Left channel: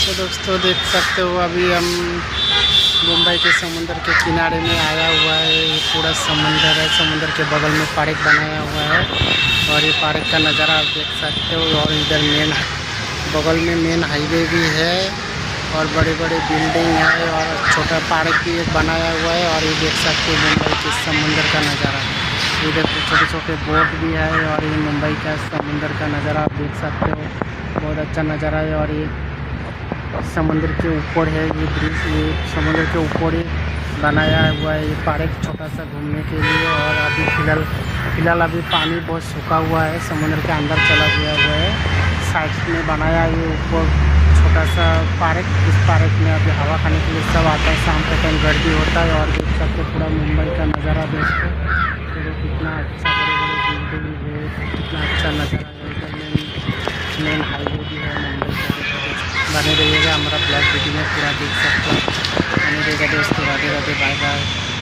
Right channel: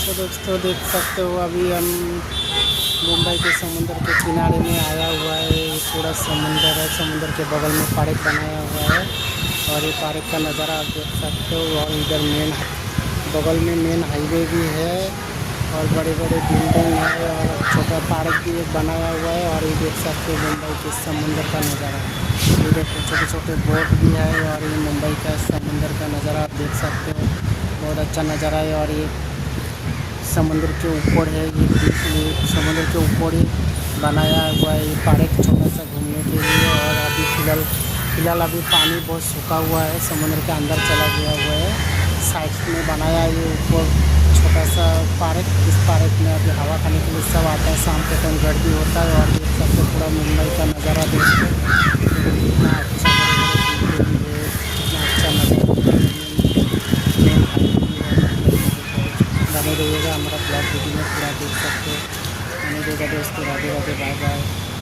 तो दोस्तों देख सकते हो अभी हम मुंबई के समुंदर के किनारे में आया हुआ है। ये पूरा समुंदर है, समुंदर के बगल में पार्क बनाया हुआ है और ये पार्क का नज़ारा आप देख सकते हो। और इधर मेन बगल में मेन हाईवे भी है और बड़े बड़े बिल्डिंग है और छोटा पार्क भी एक बनाया हुआ है। और ये देख सकते हो मुंबई के समुंदर का नज़ारा, इधर छोटे छोटे बोट भी है और ये मुंबई का समुंदर का नज़ारा आप देख सकते हो। बहुत अच्छा नज़ारा है और ये समुद्र के ऊपर है, ये समुद्र के ऊपर ही बनाया हुआ है ये पार्क छोटा सा घूमने के लिए। और अभी फिलहाल अभी पानी बहुत सूखा हुआ है, समुद्र के अंदर चला गया हुआ है। साइड में बनाया ये ऊपर छोटा सा पार्क। इस पार्क में अभी हवा खाने के लिए सब आते हैं, शाम के टाइम भीड़ भी होता है। और पूरा मुंबई का नज़ारा इतना अच्छा नज़ारा बनी रहिएगा हमारा ब्लॉग वीडियो में पूरा देख सकते हैं।